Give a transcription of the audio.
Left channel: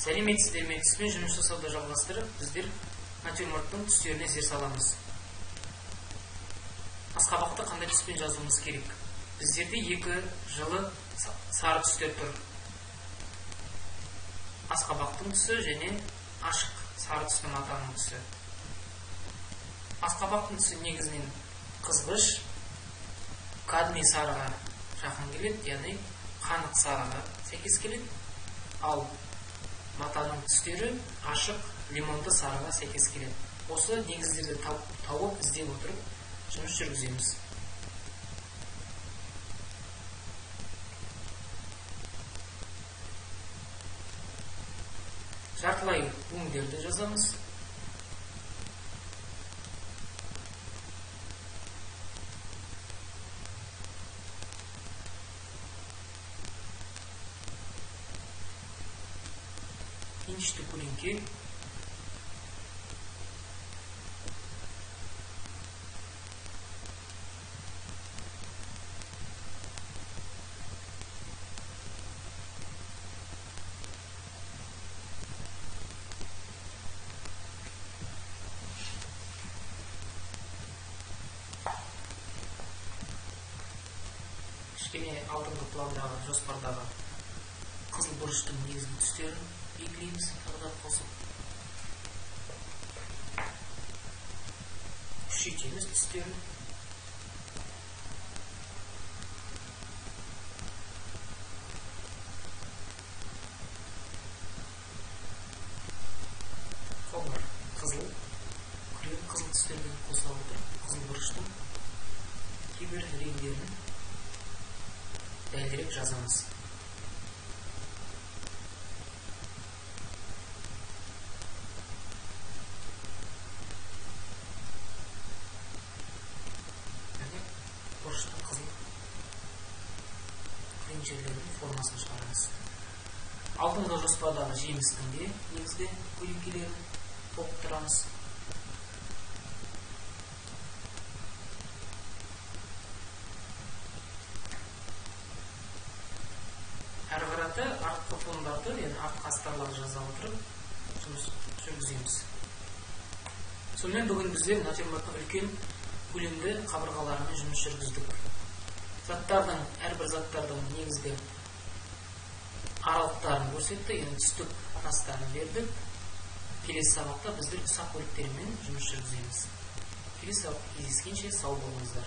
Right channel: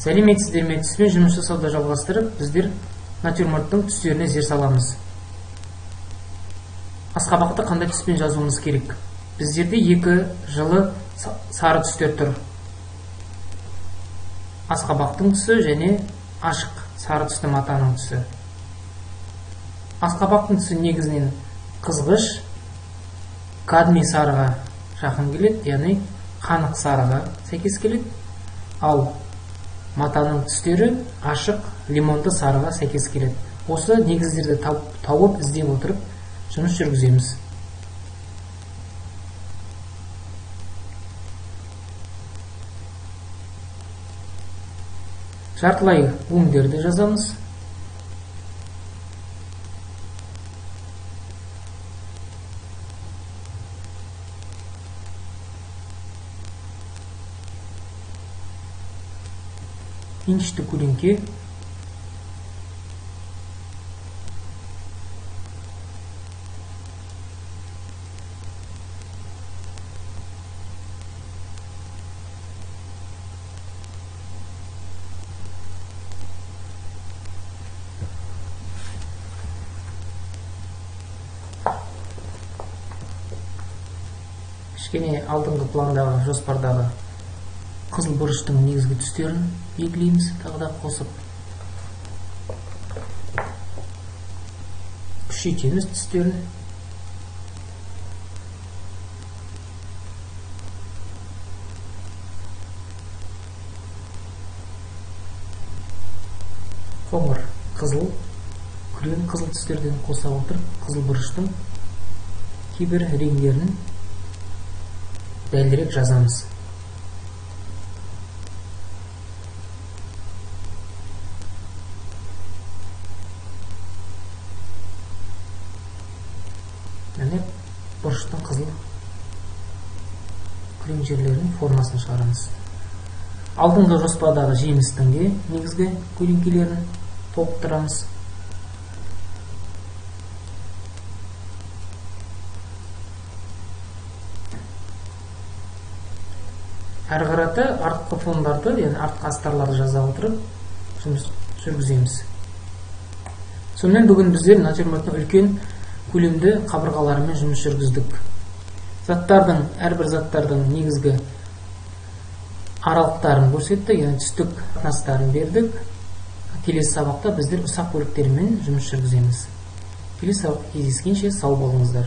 Сәлеметсіздер ме? Түспен жұмыс жасауды жалғастырып, біздер натюрморттың түстеріне зер саламыз. Асқабақты қандай түспен жазуымыз керек? Біздерде екі жылы сары түстер тұр. Асқабақтың түсі және ашық сары түсті матаның түсі. Асқабақтың түсі негізінен қызғыш, кадмий сарыға жақын келеді, яғни қанық сарыға сәйкес келеді. Ал матаның түстері ашық, лимонды сарыға сәйкес келеді. Осы негіздерді тауып іздеп отырып жұмыс жүргіземіз. Жартылай өңдерді жазамыз. Инчті көлеңке. Кішкене алдыңғы пландағы, жоспардағы қызыл бұрыштың негізгі түстерін белгілейміз, тағы да қосып күшейтеміз түстерін. Қоңыр қызыл, күрең қызыл түстерден қоса отырып, қызыл бұрыштың кейбір реңдерін дәлірек жазамыз. Яғни бұрыштың қызыл күрең жерлерінің формасын шығарамыз. Алдыңғы жоспардағы жемістің де негізгі көлеңкелерін толықтырамыз. Әрі қарата артқы фондарды, яғни артқы астарларды жаза отырып жұмыс жүргіземіз. Сонымен бүгін біздер натюрморттың үлкен көлемді қабырғаларымен жұмыс жүргіздік. Әрбір заттардың негізгі аралықтарын көрсетті, яғни түстік қатынастарын бердік. Келесі сабақта біздер ұсақ бөліктермен жұмыс жүргіземіз. Келесі сабақта кездескенше сау болыңыздар.